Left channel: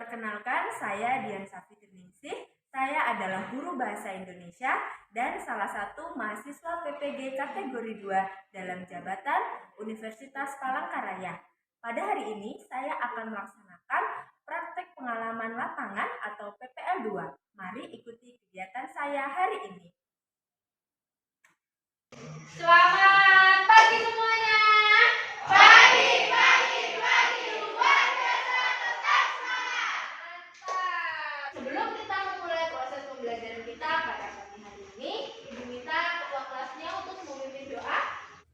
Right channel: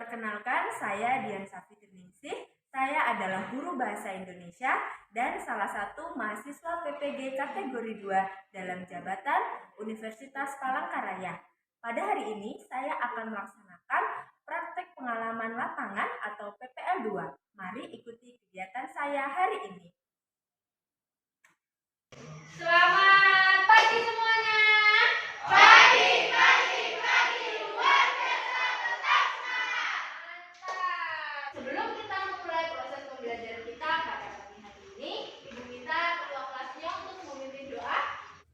Perkenalkan, saya Dian Safitriningsih. Saya adalah guru bahasa Indonesia dan salah satu mahasiswa PPG kategori 2 dalam jabatan Universitas Palangkaraya. Pada hari ini, saya akan melaksanakan praktek pengalaman lapangan atau PPL 2. Mari ikuti kegiatan saya hari ini. Selamat pagi semuanya. Pagi. Luar biasa, tetap semangat. Mantap. Sebelum kita memulai proses pembelajaran kita pada pagi hari ini, Ibu minta ketua kelasnya untuk memimpin doa.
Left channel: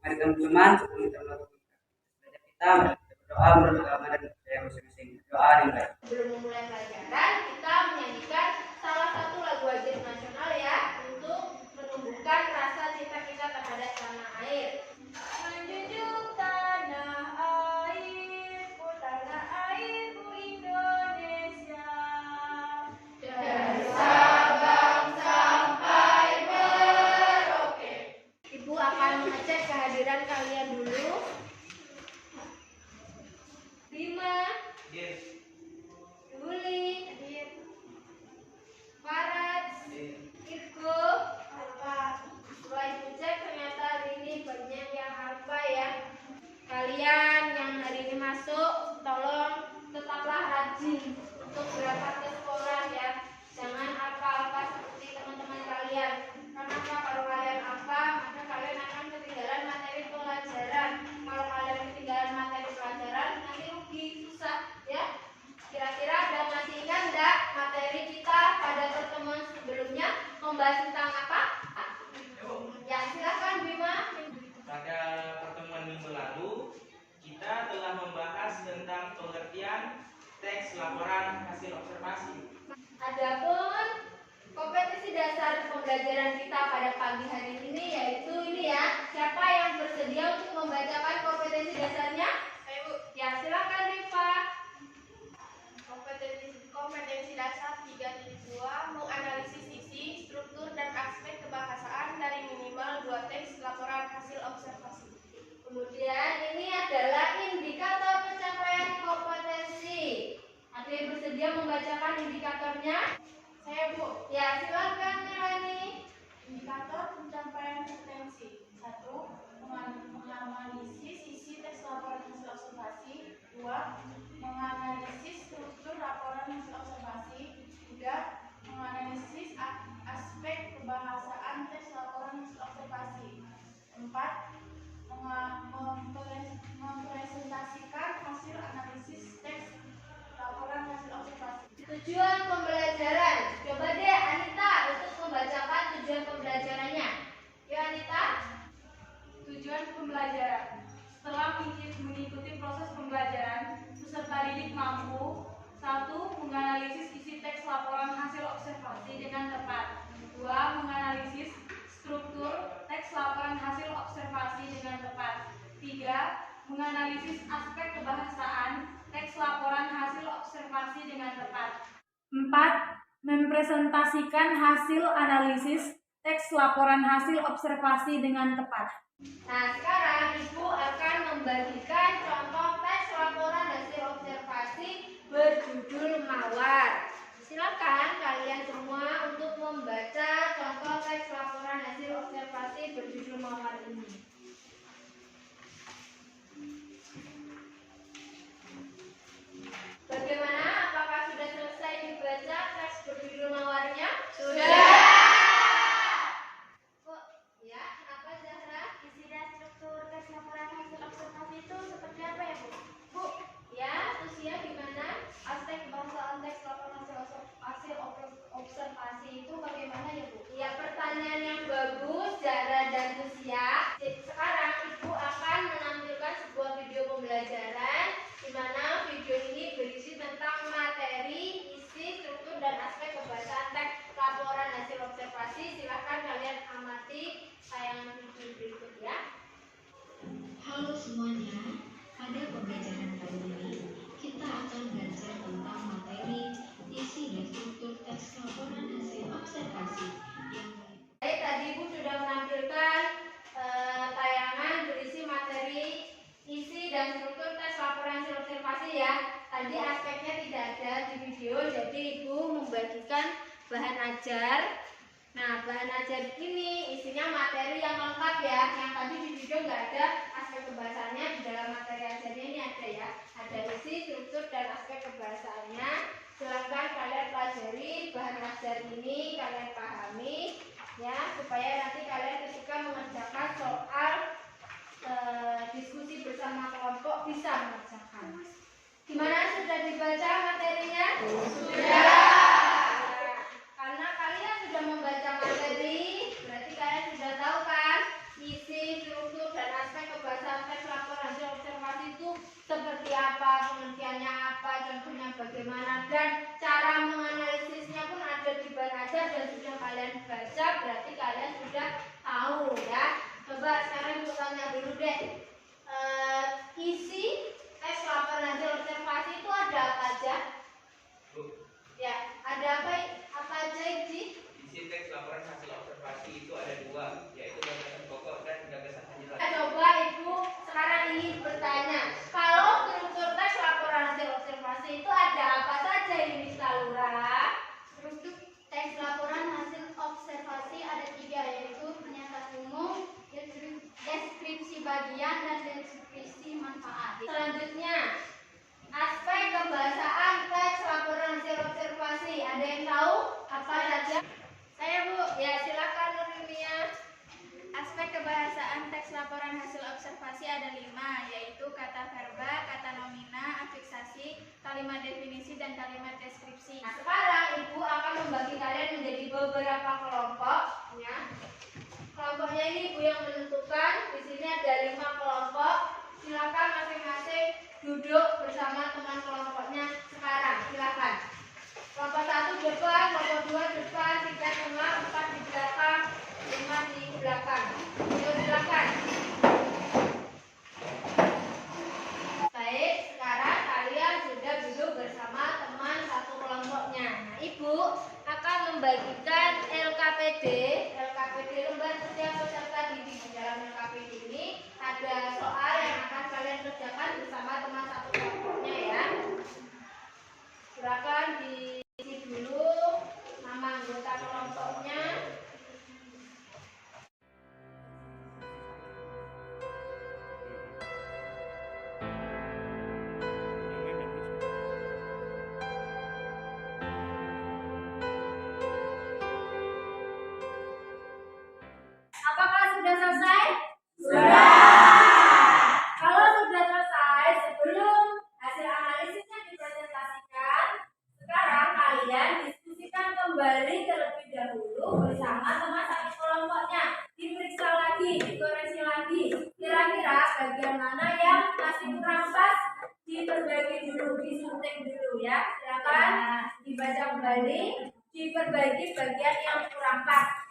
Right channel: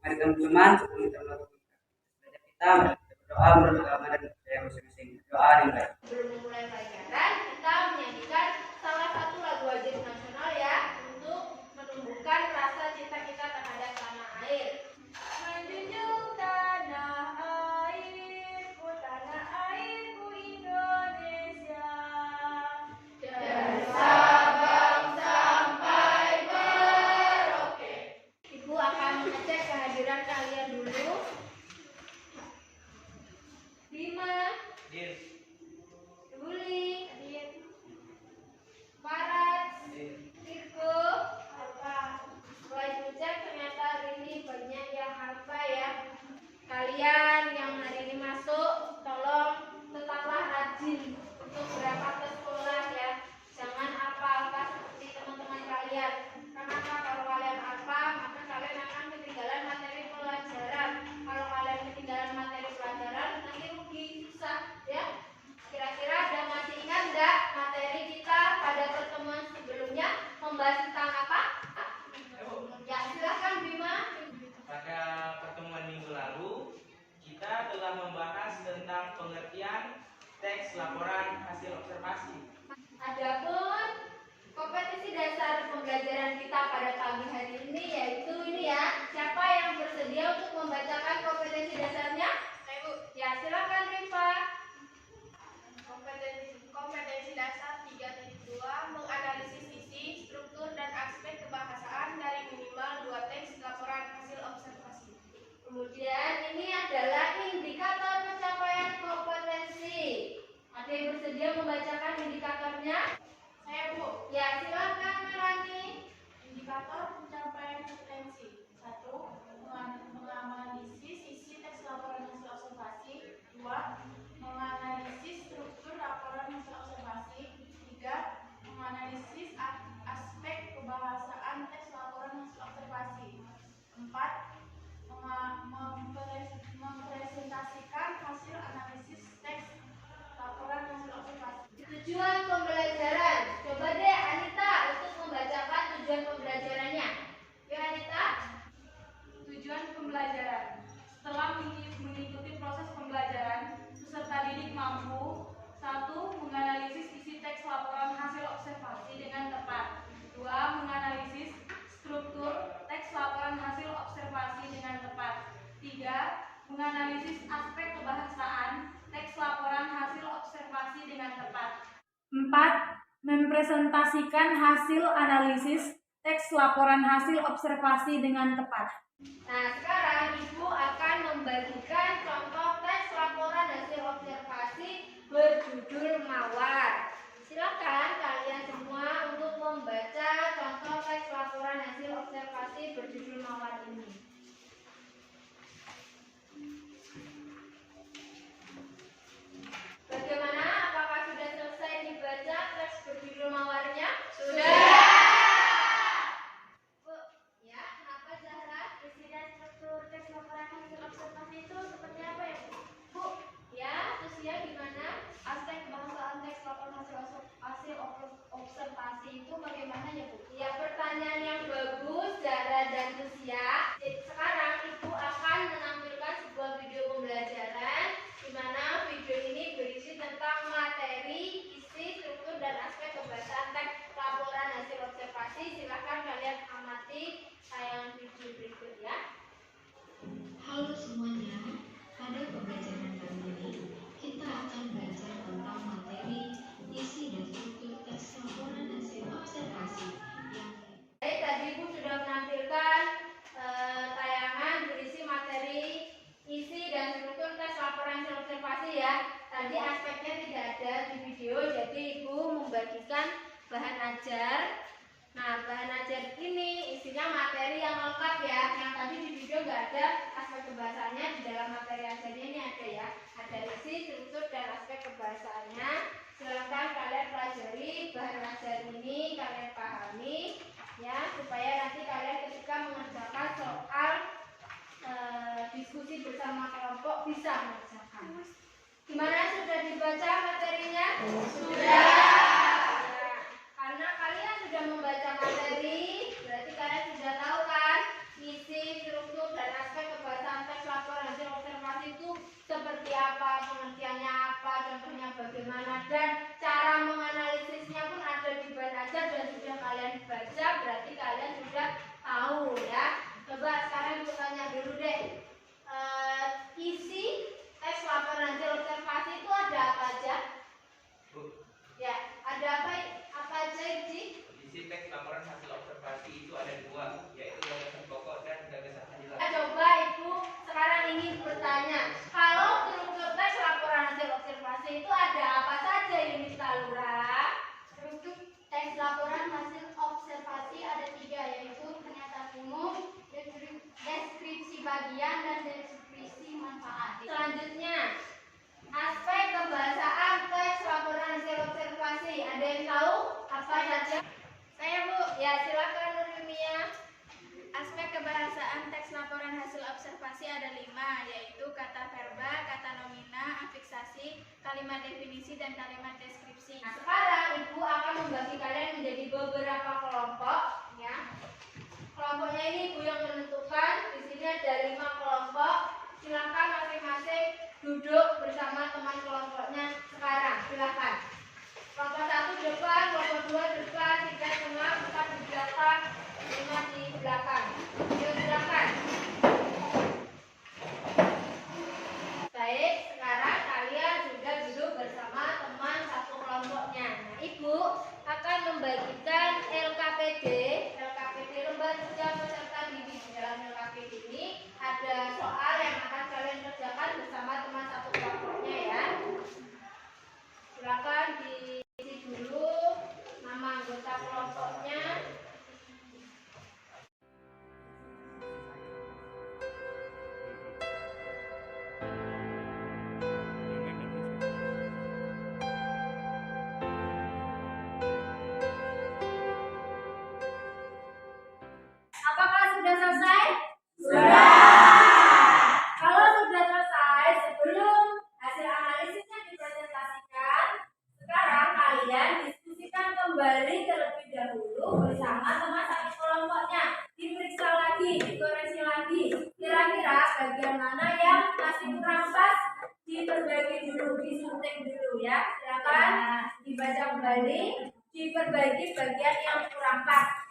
Mari teman-teman, sebelum kita melakukan belajar kita berdoa menurut agama dan budaya masing-masing. Doa dimulai. Sebelum memulai pelajaran, kita menyanyikan salah satu lagu wajib nasional ya, untuk menumbuhkan rasa cinta kita terhadap tanah air. Menjunjung tanah airku, tanah airku Indonesia. Dari Sabang sampai Merauke. Ibu akan mengecek kehadiran kalian dulu. Bima, Luli, Farad, Irko, setelah ibu cek ternyata hari ini banyak yang hafal ya. Kalian yang hari ini masuk, tolong tetaplah rajin untuk berangkat ke sekolah ya. Jangan apa-apa seperti teman-teman kalian. Karena kalau kalian apa, maka kalian akan ketinggalan materi pelajaran. Kalau kalian ketinggalan materi pelajaran, nanti rugi, susah ya. Kira-kira ada masih ingat nggak materi kita pada pertemuan sebelumnya membahas tentang apa? Ya silakan Bima. Pada pertemuan minggu lalu, kita telah membahas tentang pengertian teks laporan hasil observasi. Adapun kompetensi dasar pembelajaran kita pada pagi hari ini yaitu ini ya. Siapa yang bersedia untuk membacakan kompetensi dasarnya? Ibu. Ya silakan Rifa. Kompetensi dasar 3.2 menganalisis isi, struktur, dan aspek kebahasaan dari minimal 2 teks laporan hasil observasi. Kemudian ini adalah indikator pencapaian kompetensi. Ada yang bersedia membacakan indikatornya? Saya Bu. Ya silakan Melani. Indikator pencapaian kompetensi 1. Menganalisis isi teks laporan hasil observasi. 2. Menganalisis struktur laporan hasil observasi. 3. Menganalisis aspek kebahasaan teks laporan hasil observasi. 4. Mempresentasikan hasil analisis teks laporan hasil observasi. Tujuan pembelajaran. Coba deh Anita untuk membacakan tujuan pembelajarannya. Yuk Anita. Tujuan pembelajaran. Setelah mengikuti proses pembelajaran, peserta didik mampu 1. Menganalisis isi teks laporan hasil observasi dengan tepat. 2. Menganalisis struktur teks laporan hasil observasi dengan tepat. 3. Menganalisis aspek kebahasaan teks laporan hasil observasi dengan tepat. 4. Mempresentasikan hasil analisis teks laporan hasil observasi dengan tepat. Nah sekarang Ibu akan membagikan contoh teks laporan hasil observasi berjudul Mawar. Silakan kalian semua untuk membaca contoh teks laporan hasil observasi berjudul Mawar ini. Bagaimana? Apakah sudah selesai dibaca teks berjudul Mawarnya? Sudah. Bu, ya, kenapa Zahra? Isi dan struktur teks laporan hasil observasi itu seperti apa ya Bu? Bu, ya, terusnya gimana? Aspek kebahasaan teks laporan hasil observasi itu bagaimana ya Bu? Ya, pertanyaan yang bagus, Zahra dan Lucia. membagikan bahan ajar. Nah, bahan ajar ini isinya materi yang lengkap ya. Yang tadi di video nggak ada aspek kebahasaannya, di dalam materi ajarnya ini ada ya. Ada isi, struktur, dan aspek kebahasaannya. Silahkan kalian pelajari bahan ajar ini, kalian pahami ya, supaya nanti kalian ketika mengerjakan soal diskusi bersama kelompok bisa mengerjakan. Gimana, sudah dibaca materinya? Sudah. Karena kalian sudah membaca materi, berarti kalian sudah tahu kan isi, struktur, dan aspek kebahasaan teks laporan hasil observasi itu seperti apa, pengertiannya apa, contohnya bagaimana, dan cara menganalisisnya pun ada di bahan ajar dan sudah kalian baca, berarti kalian sudah tahu ya. Coba sekarang ibu tanya dulu deh, isi teks laporan hasil observasi itu ada apa aja? Ya, ada apa aja Iji? Isi teks laporan hasil observasi itu ada dua, yaitu gagasan pokok dan gagasan penjelasan. Coba Ibu sekarang ingin bertanya, kalau struktur teks laporan hasil observasi itu ada apa saja ini Salura? Struktur teks laporan hasil observasi ada 3, yaitu pernyataan umum, deskripsi bagian, dan deskripsi manfaat. Selanjutnya, aspek kebahasaan teks laporan hasil observasi. Ada yang tahu apa saja? Saya Bu. Ya, silakan Nurmia. Aspek kebahasaan teks laporan hasil observasi ada 5, yaitu kata verba, kata nomina, afiksasi, kalimat definisi, dan kalimat deskripsi. Nah, sekarang Ibu akan membagi kalian menjadi beberapa kelompok ya. Kelompoknya ini Ibu yang menentukan. Di sini ada 5 kelompok. Silakan masing-masing duduk bersama teman kelompoknya sekarang. Silakan. Kelompok 1 depan, kelompok 2 depan, 3 tengah, 4 di belakang, 5 di belakang. Yuk silakan. Baik, sekarang kalian sudah duduk bersama teman satu kelompoknya. Nah, Ibu akan membagikan LKPD lembar kerja peserta didik. Di dalam LKPD ini ada soal yang akan kalian kerjakan bersama teman satu kelompoknya ya. Silakan diisi dulu nama anggota kelompoknya. Apakah sudah selesai? Kalau sudah selesai, sebelum hasil analisisnya dipresentasikan, sekarang kalian diskusikan kembali terlebih dahulu bersama teman satu kelompoknya. Diperiksa lagi, dikoreksi lagi. Kira-kira bagian mana yang masih kurang pas, diperbagi dulu, disunting dulu ya. Silakan dibaca kembali, diperbaiki bagian yang kurang pas.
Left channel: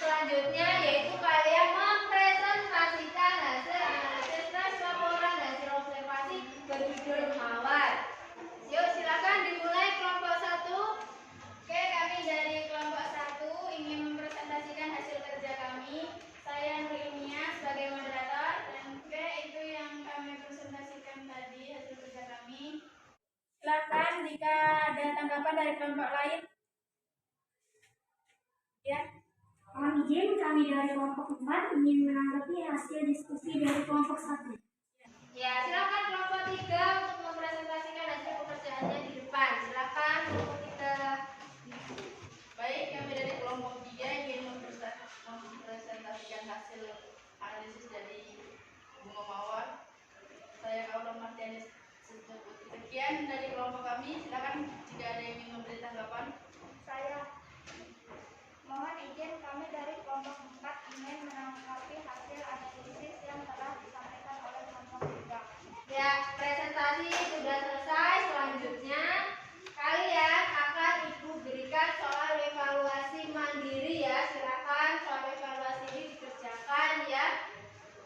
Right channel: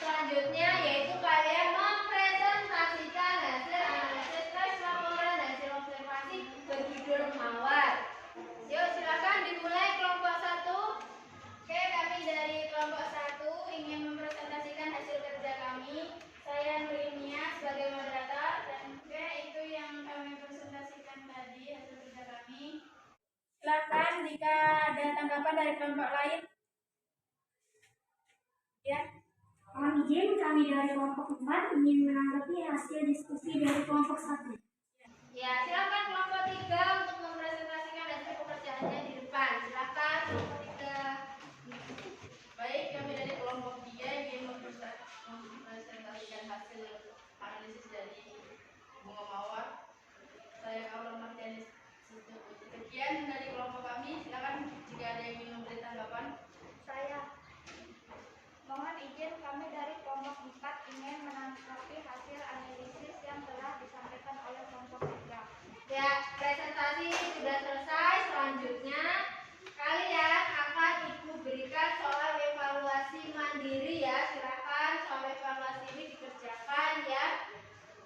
Selanjutnya yaitu kalian mempresentasikan hasil analisis teks laporan hasil observasi berjudul mawar. Yuk silakan dimulai kelompok 1. Oke, kami dari kelompok 1 ingin mempresentasikan hasil kerja kami. Saya Nurmia sebagai moderator, dan oke, itu yang kami presentasikan tadi hasil kerja kami. Silakan jika ada tanggapan dari kelompok lain. Ya. Mohon izin, kami dari kelompok 4 ingin menanggapi hasil diskusi dari kelompok 1. Ya, silakan kelompok 3 untuk mempresentasikan hasil pekerjaannya di depan. Silakan kelompok 3. Baik, kami dari kelompok 3 ingin mempresentasikan hasil analisis dari bunga mawar. Saya Aura Martianis. Sekian dari kelompok kami. Silakan jika ada yang ingin memberi tanggapan. Saya mohon izin Ya, presentasi sudah selesai. Selanjutnya kalian akan Ibu berikan soal evaluasi mandiri ya. Silakan soal evaluasi ini dikerjakan ya.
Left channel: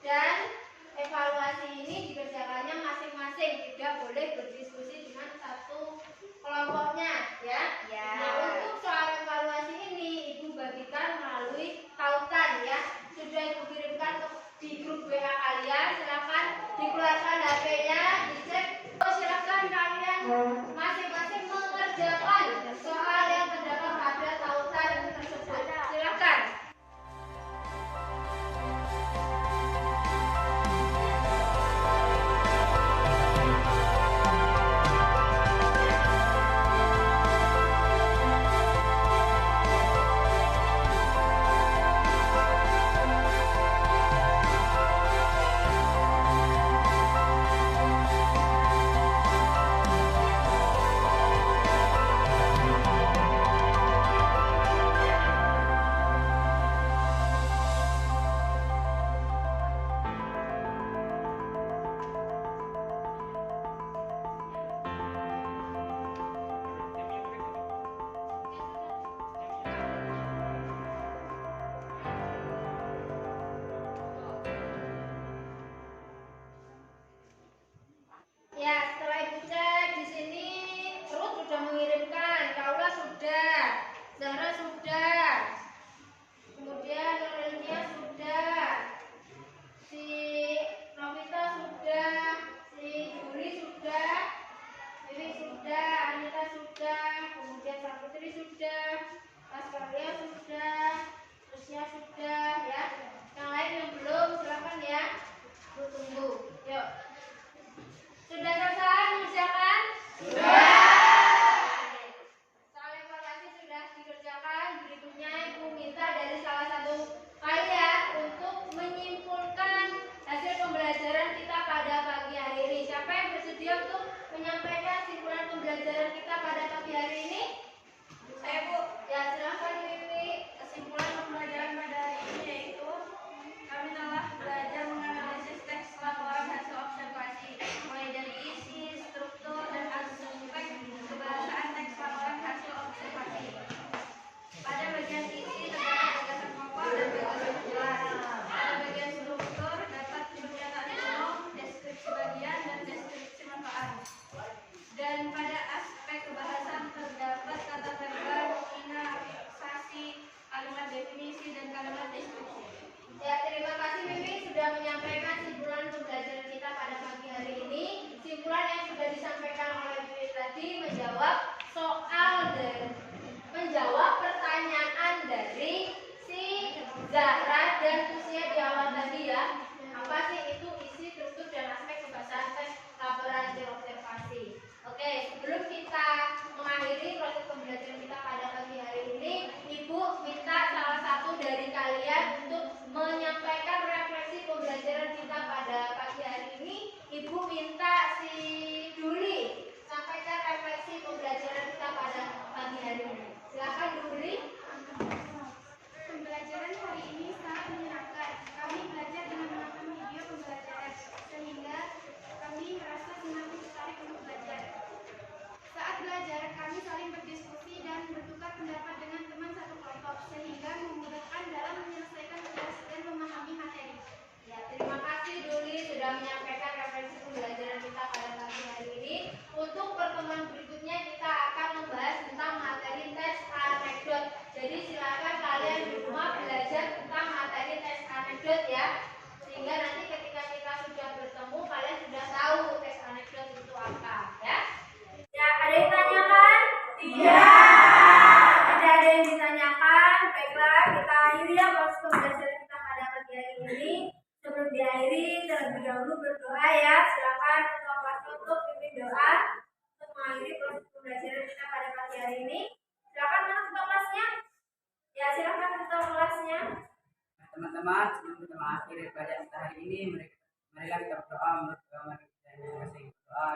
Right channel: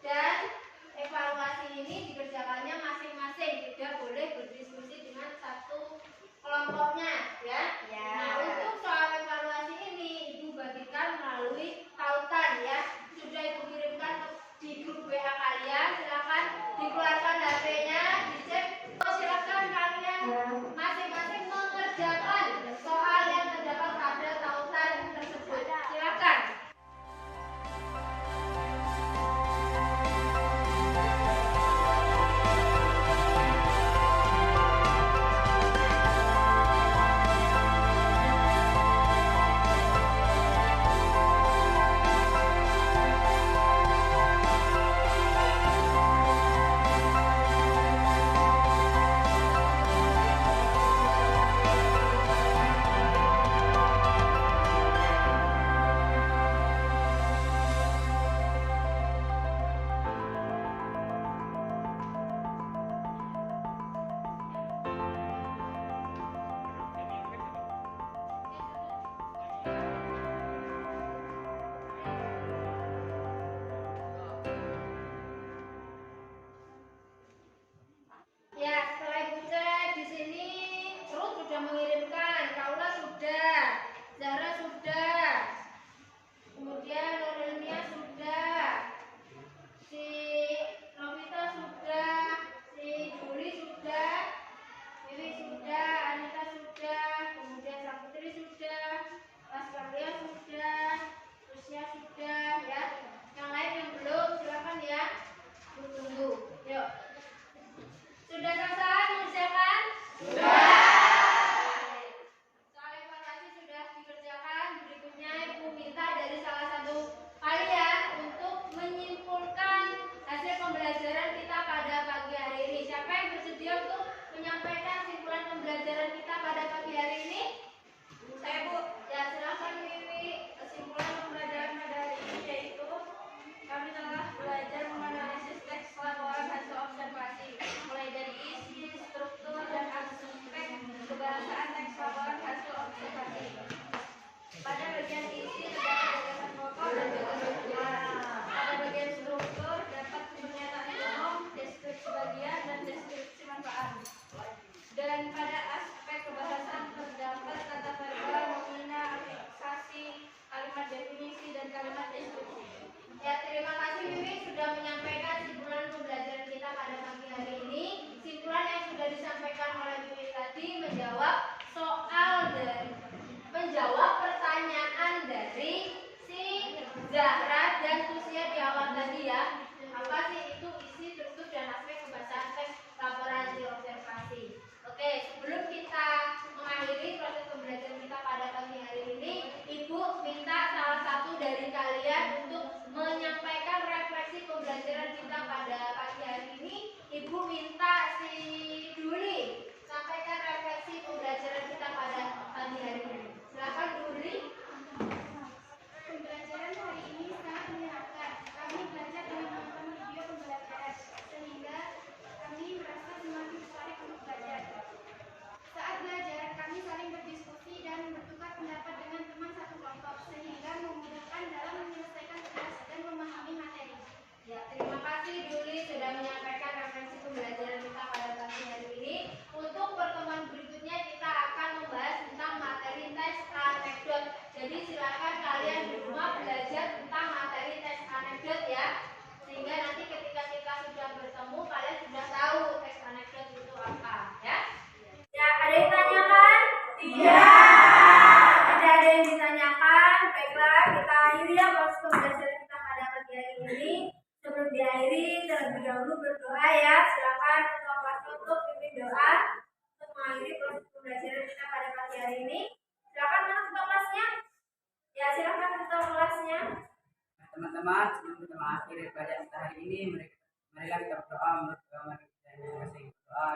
Dan evaluasi ini dikerjakannya masing-masing, tidak boleh berdiskusi dengan satu kelompoknya ya. Nah, untuk soal evaluasi ini Ibu bagikan melalui tautan ya. Sudah Ibu kirimkan di grup WA kalian. Silakan dikeluarkan HP-nya, dicek. Silakan kalian masing-masing mengerjakan soal yang terdapat pada tautan tersebut. Silakan. Ya, setelah Ibu cek di sini Ruth sudah mengirimkan, Kaula sudah, Zara sudah, kemudian Lorelia sudah, si Novita sudah, si Juli sudah, Wiwi sudah, Anita sudah, kemudian Saputri sudah, Pascalia sudah, Lucia sudah, ya. Yang lain yang belum silakan ya. Bu tunggu. Yuk. Sudah selesai mengerjakan? Sudah. Soal evaluasi sudah dikerjakan. Berikutnya Ibu minta dari salah satu kalian untuk menyimpulkan hasil pembelajaran kita pada pagi hari ini. Siapa yang bersedia untuk menyampaikan simpulan pembelajaran kita pada pagi hari ini? Saya Bu. Ya silakan Wiwi. Kesimpulan pembelajaran pada hari ini yaitu kami telah belajar menganalisis teks laporan hasil observasi, mulai dari isi, struktur, dan aspek kebahasaan teks laporan hasil observasi. Pada bagian isi terdapat gagasan pokok dan gagasan kelas. Pada bagian struktur dapat pernyataan umum, deskripsi bagian, dan deskripsi manfaat. Dan pada aspek kebahasan terdapat kata verbal, nominalisasi, kalimat definisi, dan kalimat deskripsi. Ya, terima kasih Wiwi sudah menyampaikan simpulan pembelajaran kita pada pagi hari ini. Simpulan yang sudah disampaikan oleh Wiwi tadi menjawab pertanyaan dari si Zahra dan Tusia di awal tadi ya. Apa sih itu isi, struktur, dan aspek kebahasaan teks laporan hasil observasi. Oke, sebelum kita mengakhiri proses pembelajaran kita pada pagi hari ini, Ibu minta salah satu dari kalian untuk menyampaikan refleksi pembelajaran kita pada pagi hari ini. Ibu minta si Duli sampaikan refleksi pembelajaran kita pada pagi hari ini. Silakan Duli. Pembelajaran hari ini sangat menyenangkan. Kami belajar dengan menonton video pembelajaran, sehingga kami merasa semakin tertarik untuk belajar. Saat belajar, kami saling berdiskusi dan bertukar pendapat dengan teman satu kelompok, sehingga memudahkan dalam menyelesaikan tugas dan memahami materi. Ya, terima kasih Duli sudah menyampaikan refleksi pembelajaran kita pada pagi hari ini. Untuk pertemuan berikutnya kita akan membahas tentang materi teks anekdot. Jadi silakan kalian di rumah belajar tentang materi teks anekdot ya. Sehingga nanti ketika kita sudah bertemu kalian sudah tahu teks anekdot itu apa ya. Ya, ada yang tanyakan? Tidak. Tidak ada yang ditanyakan. Baiklah, kita akhiri ya proses pembelajaran kita pada pagi hari ini. Sebelum diakhiri, terlebih dahulu berdoa ya. Silakan ketua kelas untuk pimpin doa untuk mengakhiri proses pembelajaran kita pada pagi hari ini. Silakan mana ketua kelasnya? Ya, silakan ketua kelasnya. Teman-teman, sebelum kita mengakhiri pelajaran kita hari ini, marilah kita berdoa menurut agama kita masing-masing. Doa